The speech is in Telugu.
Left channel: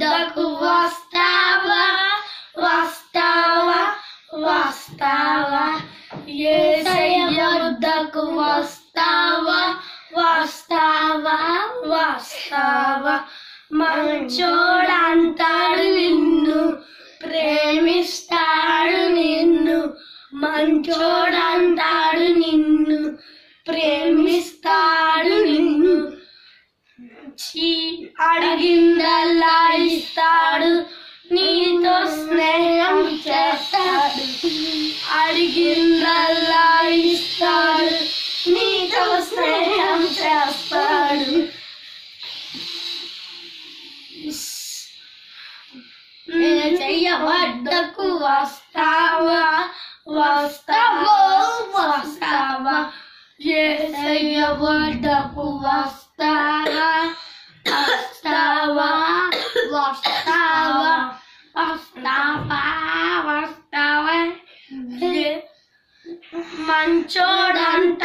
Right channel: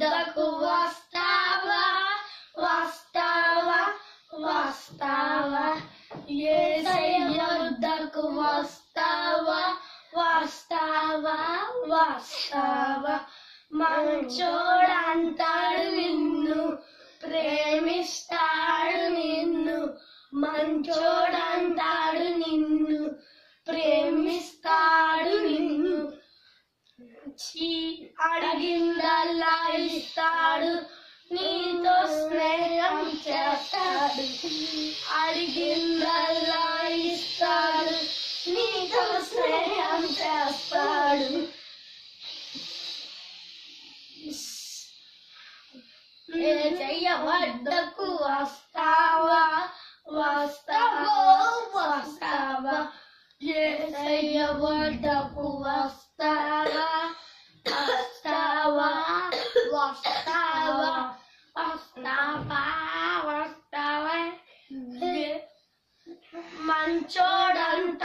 వద్దకు వస్తావా వస్తావా వస్తావా యేసయ్య వద్దకు వస్తావా వస్తావా వస్తావా మంచోడంటాడు నిన్ను ప్రేమిస్తాడు నిన్ను మంచోడంటాడు నిన్ను ప్రేమిస్తాడు నిన్ను అడిగిందల్లా ఇస్తాడు నీతో స్నేహం చేస్తాడు అడిగిందల్లా ఇస్తాడు నీతో స్నేహం చేస్తాడు యేసయ్య వద్దకు వస్తావా వస్తావా వస్తావా యేసయ్య వద్దకు వస్తావా వస్తావా వస్తావా వస్తావా వస్తావా మంచోడంట